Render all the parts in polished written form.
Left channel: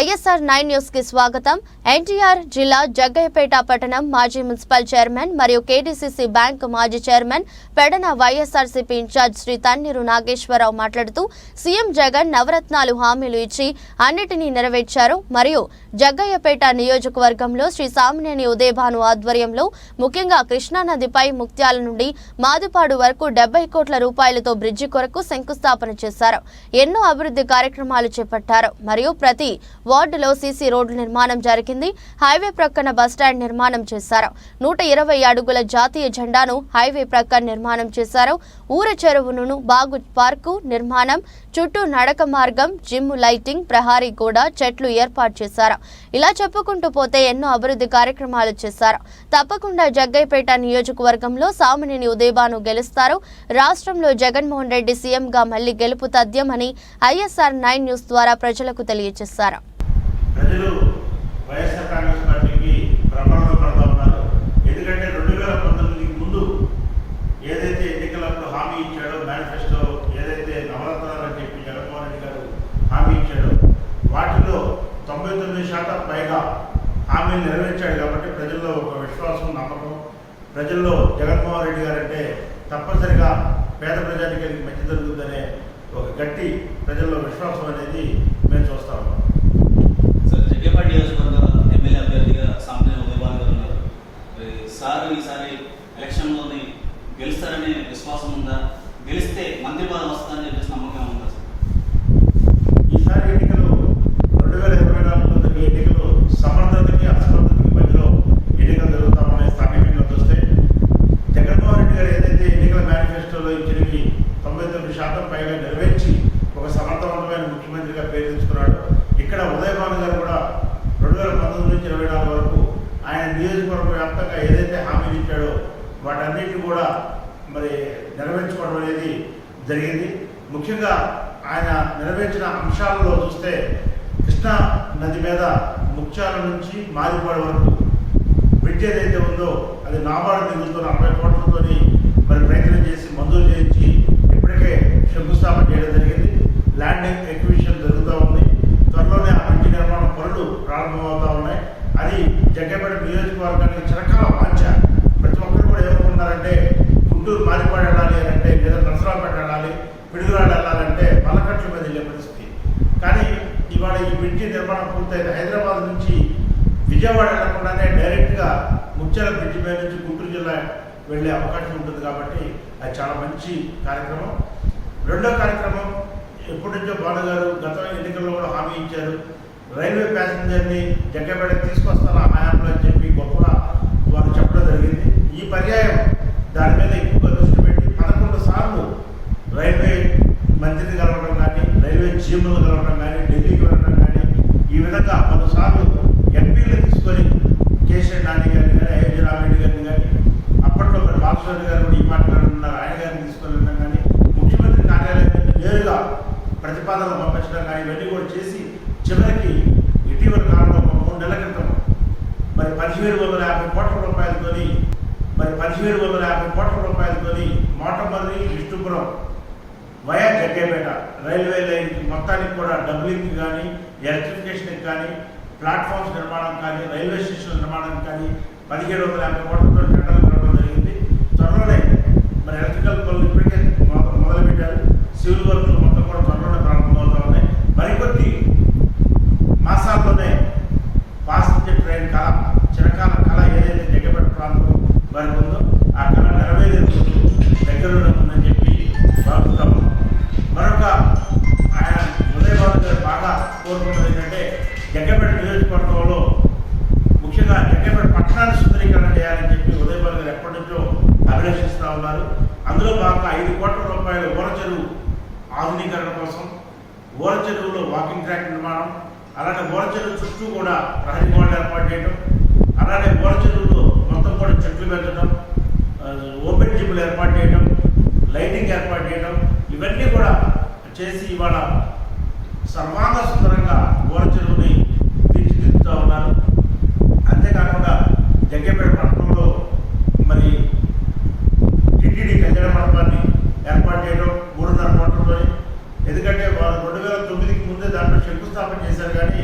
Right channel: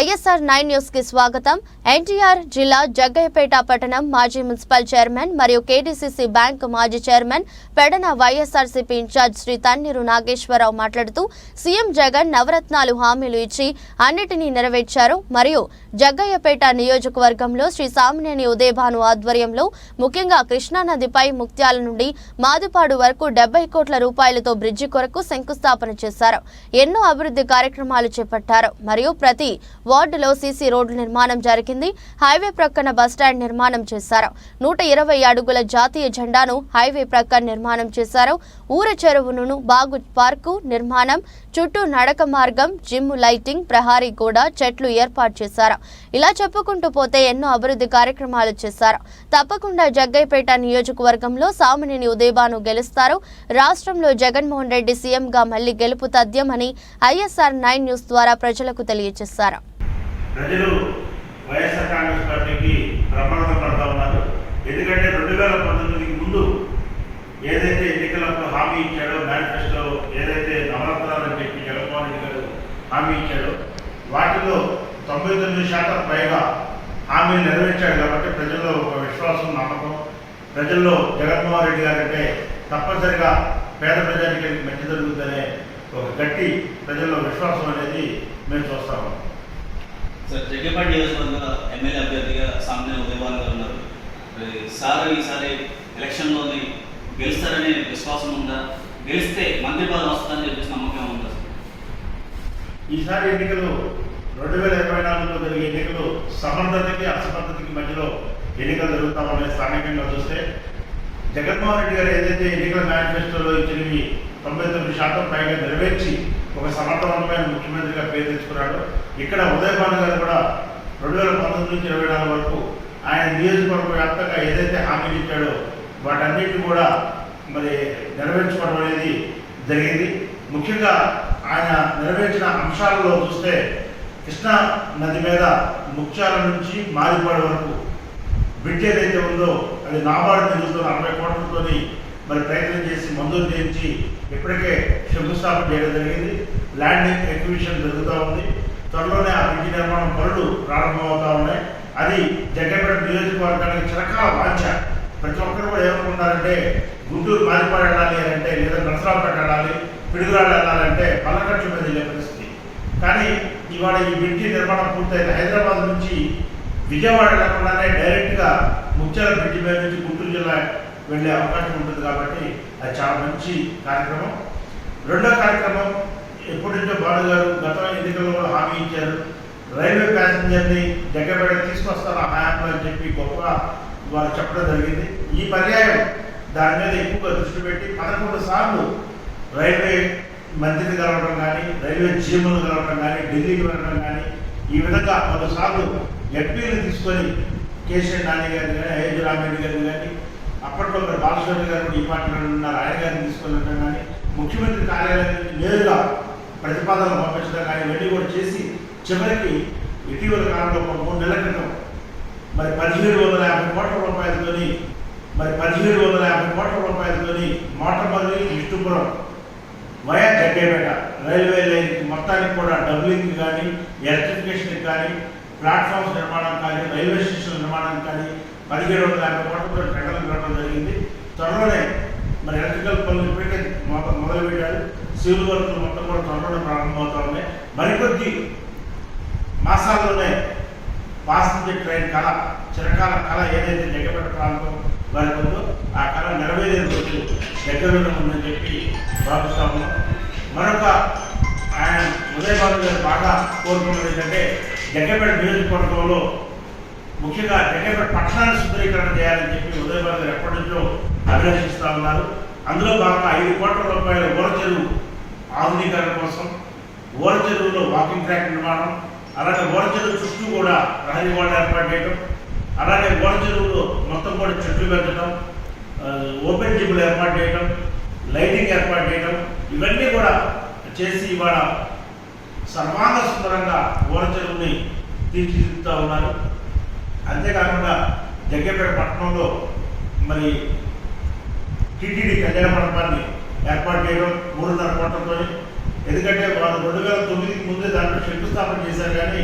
ISR 9 news కి స్వాగతం. ఎన్టీఆర్ జిల్లా జగ్గయ్యపేట పట్టణం మాజీ మున్సిపల్ చైర్మన్ మరియు KDCC బ్యాంక్ మాజీ చైర్మన్ పెడన వైఎస్ఆర్సీపీ ఇన్ఛార్జ్ శ్రీ తన్నీరు నాగేశ్వరరావు మాట్లాడుతూ సీఎం జగన్ నవరత్నాలు హామీలు ఇచ్చి అన్నిటినీ నెరవేర్చారు మరియు జగ్గయ్యపేట నియోజకవర్గంలో శ్రీ సామినేని ఉదయభాను ఆధ్వర్యంలో ముఖ్యంగా కృష్ణానదిపై ముక్త్యాల నుండి మాదుపాడు వరకు 70 కోట్ల రూపాయలతో బ్రిడ్జి కొరకు శంకుస్థాపన చేశారు. ఎన్నో అభివృద్ధి కార్యక్రమాలు చేపట్టారు మరియు ప్రతి వార్డులో సీసీ రోడ్ల నిర్మాణం జరిగింది. హైవే ప్రక్కన బస్టాండ్ నిర్మాణం చేశారు. 120 అడుగుల జాతీయ జెండాను హైవే ప్రక్కన నిర్మాణం చేశారు. ఊర చెరువును బాగు పార్కు నిర్మాణం, చుట్టూ నడక మార్గం, జిమ్, లైటింగ్, ప్రహారీ గోడ, చెట్లు ఏర్పాటు చేశారు. ఇలా చెప్పుకుంటూ పోతే ఎన్నో అభివృద్ధి కార్యక్రమాలు చేశారు. తప్పకుండా జగ్గయ్యపేట నియోజకవర్గంలో సామినేని ఉదయభాను గెలుస్తారు. రాష్ట్రంలో జగన్మోహన్ రెడ్డి సీఎంగా మళ్లీ గెలుపు తథ్యమని ISR 9 న్యూస్ ద్వారా ప్రజలకు తెలియజేశారు. ప్రజలు వైఎస్ఆర్ కాంగ్రెస్ పార్టీకి ప్రమాణం పడతా ఉన్నారు. ఎందుకంటే 2019కి ముందు ఏదైతే ఎన్నికలప్పుడు హామీ ఇచ్చాడో, మేనిఫెస్టో ఏదైతే నవరత్నాలని చెప్పి జగన్మోహన్ రెడ్డి గారు హామీ ఇచ్చాడో వాటిలో 99% పైగా హామీలు నెరవేర్చాడు. కాబట్టి ప్రజల్లో ఒక విశ్వాసం, నమ్మకం, ప్రజల్లో జగన్మోహన్ రెడ్డి గారు అంటే తప్పనిసరిగా పేద ప్రజానికి మంచి జరుగుతుందనే ఒక గట్టి ప్రజల్లో విశ్వాసం అనేది మేము చూస్తాము. సార్, జగ్గయ్యపేట నియోజకవర్గ ఎమ్మెల్యే అభ్యర్థిగా సామినేని ఉదయభాను గారు ఉన్నారు. సార్ ఈసారి ఎలక్షన్లోని గెలుస్తారనే విశ్వాసం ఉందా? గెలిస్తే మంత్రి పదవి వస్తుందని చెప్పేసి నమ్మకం ఉందా? ఈసారి ఎన్నికలు 2024లో జరిగే ఎన్నికలు సమర్థతకి అసమర్థతకి మధ్యలో ఎన్నికలు జరుగుతామనే స్థానికంగా చూస్తే జగన్మోహన్ రెడ్డి గారు ఏదైతే ఎన్నికల మేనిఫెస్టోలో ఇచ్చినవి 99% పైగా నెరవేర్చి ఒక సమర్థవంతమైన ముఖ్యమంత్రిగా పేరు తెచ్చుకున్నాడు. ఇక్కడ ఉదయభాను గారు కూడా 2019 నుంచి 2024 వరకు ఆయన నియోజకవర్గ వ్యాప్తంగా ఏదైతే హామీలు ఇచ్చాడో వాటన్నిటిని కూడా మరి నెరవేర్చుకోవడం అనేది జరిగింది. ముఖ్యంగా ఆయన నెరవేర్చిన అంశాలలో చూస్తే కృష్ణా నది మీద ముక్త్యాల నుంచి మాదిపాడు వరకు బ్రిడ్జ్ ఏదైతే ఉందో అది నాబార్డు నిధులతో 40 కోట్లతో మరి ప్రయత్నం చేసి మంజూరు చేయించి ఇప్పటికే శంకుస్థాపన చేయడం జరిగింది. ల్యాండ్ ఎక్విజిషన్ జరుగుతూ ఉంది. త్వరలోనే ఆ బ్రిడ్జి నిర్మాణ పనులు ప్రారంభమవుతూ ఉన్నాయి. అది జగ్గయ్యపేట నియోజకవర్గానికి చిరకాల వాంఛ. ప్రతి ఒక్కరు కూడా ఏమనుకుంటారంటే గుంటూరు మాదిపాడు వెళ్ళాలి అంటే, లేదా నరసరావుపేట వెళ్ళాలి, పిడుగురాళ్ళు వెళ్ళాలంటే పల్లకట్ల మీద వెళ్ళే పరిస్థితి. కానీ ఇవాళ ఈ బ్రిడ్జి నిర్మాణం పూర్తయితే హైదరాబాద్ నుంచి విజయవాడ వెళ్లకుండానే డైరెక్ట్గా ముత్యాల బ్రిడ్జి మీద నుంచి గుంటూరు జిల్లా వెళ్ళే అవకాశం ఉంటుంది. కాబట్టి అది చాలా మంచి కార్యక్రమం. రెండో కార్యక్రమం, ఎప్పటి నుంచో భాను గారు గత ఎన్నికల్లో కూడా హామీ ఇచ్చారు. రైల్వే ప్యాసింజర్ని జగ్గయ్యపేట తీసుకొస్తారు ఆ హయాంలో అని చెప్పి గొప్పగా వారు చెప్పడం జరిగింది. ఈ పర్యాయం దాని మీద ఎక్కువగా దృష్టి పెట్టి 11 సార్లు రైల్వే మంత్రిని కలవడం కానీ, రైల్వే జీఎంలను కలవడం కానీ, ఢిల్లీకి వెళ్ళడం కానీ, ఈ విధంగా 10 సార్లు ఎంపీలు తీసుకొని కేసీఆర్ నాని గారిని కానీ, అయోధ్య రామిరెడ్డి గారిని కానీ, అప్పట్లో మరి బాలస్వామి గారు కూడా ఈ పార్టీలో ఉన్నారు, ఆయన గారిని తీసుకొని వెళ్ళడం కానీ, ముఖ్యమంత్రి కార్యాలయం నుంచి నేరుగా ప్రతిపాదనలు పంపించడం కానీ ఇవన్నీ కూడా చేసి చివరికి ఇటీవల కాలంలో 3 నెలల క్రితం మరి 1750 కోట్ల రూపాయలతోని Motamarri Vishnupuram via Jaggayyapeta railway line మొత్తానికి కూడా డబ్లింగ్ కానీ, ఎలక్ట్రిఫికేషన్కి కానీ, ప్లాట్ఫామ్స్ నిర్మాణం కానీ, రైల్వే స్టేషన్ నిర్మాణానికి కానీ 1750 కోట్లతో టెండర్లు కలవడం జరిగింది. త్వరలోనే మరి ఎలక్ట్రికల్ పనులు ఇప్పటికే మొదలుపెట్టారు. సివిల్ వర్క్లు మొత్తం కూడా త్వరలోనే ప్రారంభమవుతా ఉన్నాయి. మరికొద్ది మాసాల్లోనే పాసింజర్ ట్రైన్ కళ, చిరకాల కళ ఏదైతే జగ్గయ్యపేట ప్రాంతం వారికి ఉందో ఆ కళ నెరవేరే రోజు దగ్గరలో ఉందని చెప్పి భావిస్తాము. మరొక ఆయన ఉదయభాను గారు బాగా కోరుకున్నది ఏంటంటే జగ్గయ్యపేట నియోజకవర్గంలో ముఖ్యంగా జగ్గయ్యపేట పట్టణాన్ని సుందరీకరణ చేయాలని చెప్పి ఉదయభాను గారు ఎప్పటి నుంచో అభిలషిస్తూ ఉన్నారు. అందులో భాగంగా 5 కోట్ల రూపాయల ఊర చెరువు ఆధునీకరణ కోసం, ఊర చెరువులో వాకింగ్ ట్రాక్ నిర్మాణం, అలాగే ఊర చెరువు చుట్టూ కూడా ప్రహరీ గోడ ఏర్పాటు చేయడం, అలాగే ఊర చెరువులో మొత్తం కూడా చెట్లు పెంచడం, ఓపెన్ జిమ్లు ఏర్పాటు చేయడం, లైటింగ్ ఏర్పాటు చేయడం, ఇవన్నీ కూడా చేసి ఇవాళ సర్వాంగ సుందరంగా ఊర చెరువుని తీర్చిదిద్దుతూ ఉన్నారు. అంతేకాకుండా జగ్గయ్యపేట పట్టణంలో మరి టీటీడీ కళ్యాణ మండపాన్ని ఏర్పాటు చేయడం 3.5 కోట్లతో. ఎందుకంటే వారు 2009కి ముందే దాంట్లో శంకుస్థాపన చేశారు. కానీ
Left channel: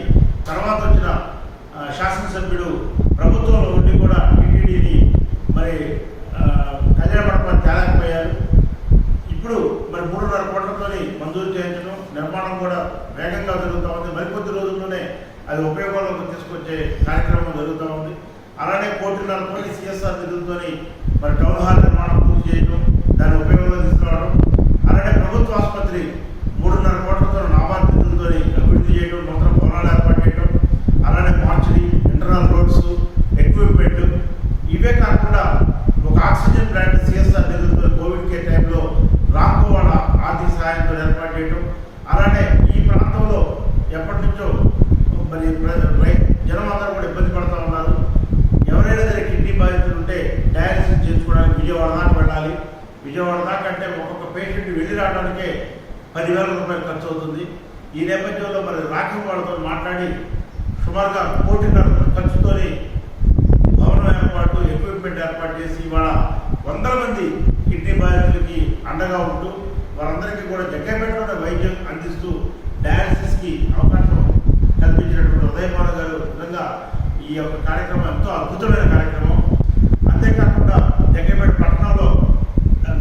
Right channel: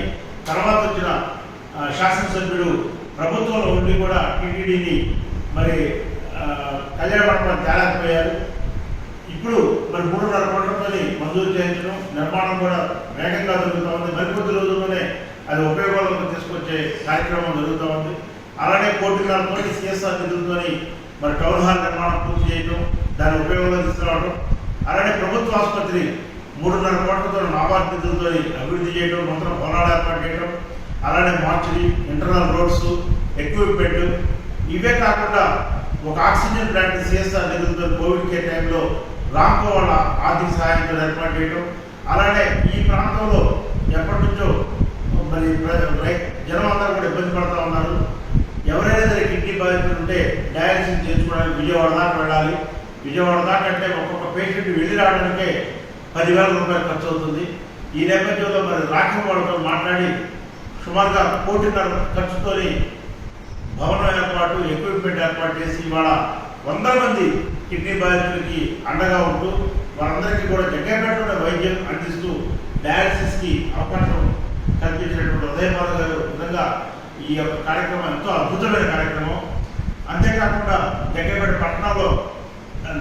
తర్వాత వచ్చిన శాసనసభ్యుడు ప్రభుత్వంలో ఉండి కూడా టీటీడీని మరి కళ్యాణ మండపం తేలేకపోయారు. ఇప్పుడు మరి 3.5 కోట్లతో మంజూరు చేయించడం, నిర్మాణం కూడా వేగంగా జరుగుతూ ఉంది. మరికొద్ది రోజుల్లోనే అది ఉపయోగంలోకి తీసుకొచ్చే కార్యక్రమం జరుగుతూ ఉంది. అలానే 1.5 కోట్ల సిఎస్ఆర్ నిధులతో మరి టౌన్ హాల్ నిర్మాణం పూర్తి చేయడం, దాన్ని ఉపయోగంలో తీసుకురావడం, అలానే ప్రభుత్వ ఆసుపత్రి 3.5 కోట్లతో నాబార్డు నిధులతో అభివృద్ధి చేయడం, నూతన భవనాలు ఏర్పాటు చేయడం, అలానే మార్చరీ, ఇంటర్నల్ రోడ్స్, ఎక్విప్మెంట్, ఇవే కాకుండా ఒక ఆక్సిజన్ ప్లాంట్ సిఎస్ఆర్ నిధులతో కోవిడ్ కేర్ టైంలో రామ్కో వాళ్ళ ఆర్థిక సహాయంతో ఏర్పాటు చేయడం, అలానే ఈ ప్రాంతంలో ఎప్పటి నుంచో మరి జనం అందరూ కూడా ఇబ్బంది పడుతూ ఉన్నారు. ఎవరైనా సరే కిడ్నీ బాధితులు ఉంటే డయాలసిస్ చేయించుకోవడానికి విజయవాడ దాకా వెళ్ళాలి. విజయవాడ దాకా అంటే ఒక్కొక్క పేషెంట్ వెళ్ళి రావడానికే 10,000 రూపాయలు ఖర్చు అవుతుంది. ఈ నేపథ్యంలో మరి రాఖ్యం వాళ్ళతో మాట్లాడి సుమారుగా 1 కోటి ఖర్చుతో భవనం ఏర్పాటు, ఎక్విప్మెంట్ ఏర్పాటు చేసి ఇవాళ 100 మంది కిడ్నీ బాధితులకి అండగా ఉంటూ వారందరికీ కూడా జగ్గైపేటలోనే వైద్యం అందిస్తూ డయాలసిస్కి అవకాశం కల్పించినటువంటి ఉదయపాల్ గారు నిజంగా ఈ యొక్క కార్యక్రమం ఎంతో అద్భుతమైన కార్యక్రమం. అంతేకాకుండా జగ్గైపేట పట్టణంలో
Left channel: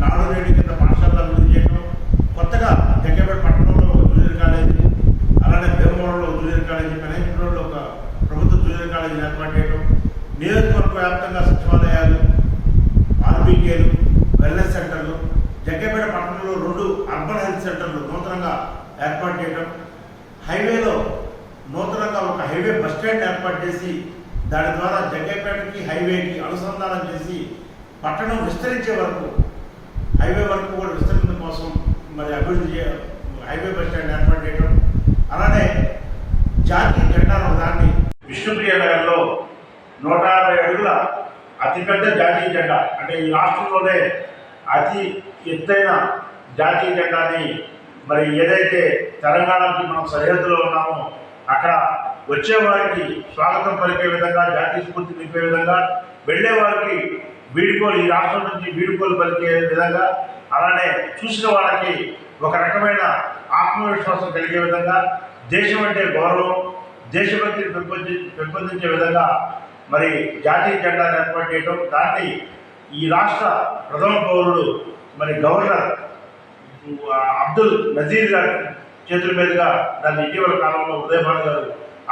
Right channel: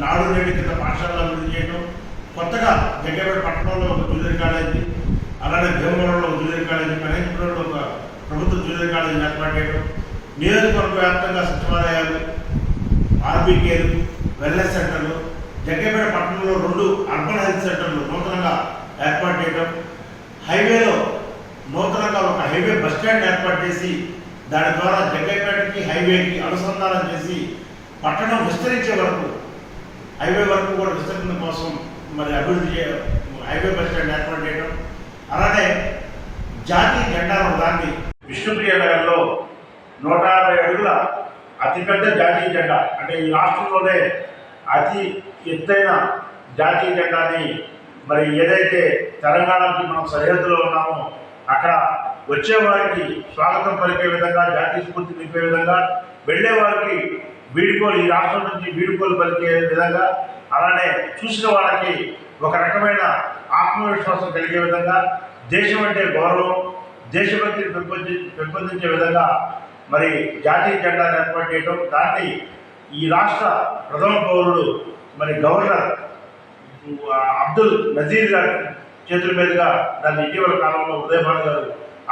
నాడు నేడు కింద పాఠశాలలో అభివృద్ధి చేయడం, కొత్తగా జగ్గైపేట పట్టణంలో ఒక జూనియర్ కాలేజీ, అలానే భీమవరంలో ఒక జూనియర్ కాలేజీ, కనీసపురంలో ఒక ప్రభుత్వ జూనియర్ కాలేజీని ఏర్పాటు చేయడం, నియోజకవర్గ వ్యాప్తంగా సచివాలయాలు, ఆర్బీకేలు, వెల్నెస్ సెంటర్లు, జగ్గైపేట పట్టణంలో 2 అర్బన్ హెల్త్ సెంటర్లు నూతనంగా ఏర్పాటు చేయడం, హైవేలో నూతనంగా ఒక హైవే బస్ స్టాండ్ ఏర్పాటు చేసి దాని ద్వారా జగ్గైపేటకి హైవేకి అనుసంధానం చేసి పట్టణం విస్తరించే వరకు హైవే వరకు కూడా విస్తరణ కోసం మరి అభివృద్ధి హైవే బస్ స్టాండ్ ఏర్పాటు చేయడం, అలానే జాతీయ జెండాను దాన్ని విష్ణుప్రియ నగర్లో 150 అడుగుల అతిపెద్ద జాతీయ జెండా, అంటే ఈ రాష్ట్రంలోనే అతి ఎత్తైన జాతీయ జెండాని మరి ఏదైతే తెలంగాణకి మనం సరిహద్దులో ఉన్నామో అక్కడ వచ్చేవారికి స్వాగతం పలికే విధంగా, జాతీయ స్ఫూర్తి నింపే విధంగా, వెళ్ళే వారికి వీడుకోలు, ఈ రాష్ట్రం నుంచి వీడుకోలు పలికే విధంగా, అలానే చూసిన వాళ్ళకి ఒక రకమైన ఆత్మవిశ్వాసం కలిగే విధంగా, దేశం అంటే గౌరవం, దేశభక్తిని పెంపొందించే విధంగా మరి జాతీయ జెండాను ఏర్పాటు చేయడం, దాన్ని ఈ రాష్ట్ర ప్రథమ పౌరుడు మరి గవర్నర్ అబ్దుల్ నజీర్ గారి చేతుల మీదుగా దాన్ని ఇటీవల కాలంలో ఉదయభాను గారు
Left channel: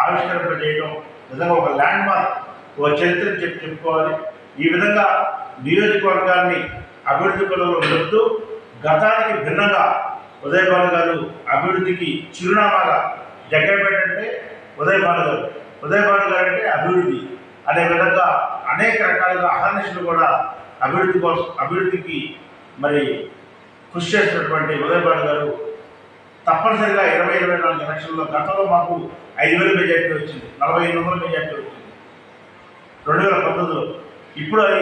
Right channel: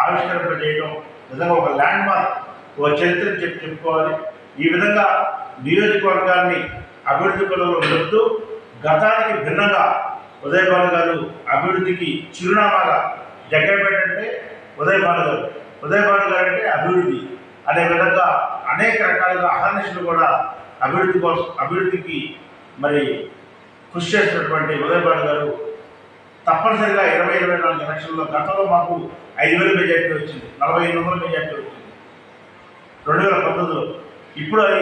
ఆవిష్కరింపజేయడం నిజంగా ఒక ల్యాండ్ మార్క్, ఒక చరిత్రను చెప్పుకోవాలి. ఈ విధంగా నియోజకవర్గాన్ని అభివృద్ధి పనులు నిలుపుతూ గతానికి భిన్నంగా ఉదయభాను గారు అభివృద్ధికి చిరునామాగా జగ్గైపేట అంటే ఉదయభాను గారు, ఉదయభాను గారు అంటే అభివృద్ధి అనే విధంగా అనేక రకాలుగా అహర్నిశలు కూడా అభివృద్ధికి మరి కృషి చేసినటువంటి ఉదయభాను గారు తప్పనిసరిగా 2024 ఎలక్షన్లో గతంలో మాకు 5,000 మెజార్టీ వచ్చింది, 4,500 మెజార్టీ వచ్చింది 2019లో. ఇప్పుడు అది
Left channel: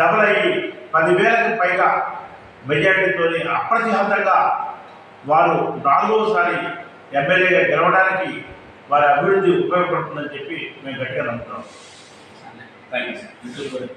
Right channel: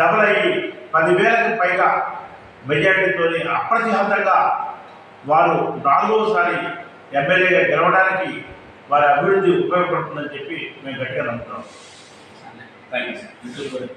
డబుల్ అయ్యి 10,000కి పైగా మెజార్టీతో అప్రతిహతంగా వారు 4వసారి ఎమ్మెల్యేగా గెలవడానికి వారి అభివృద్ధి ఉపయోగపడుతుందని చెప్పి మేము గట్టిగా నమ్ముతున్నాం. Thank you sir.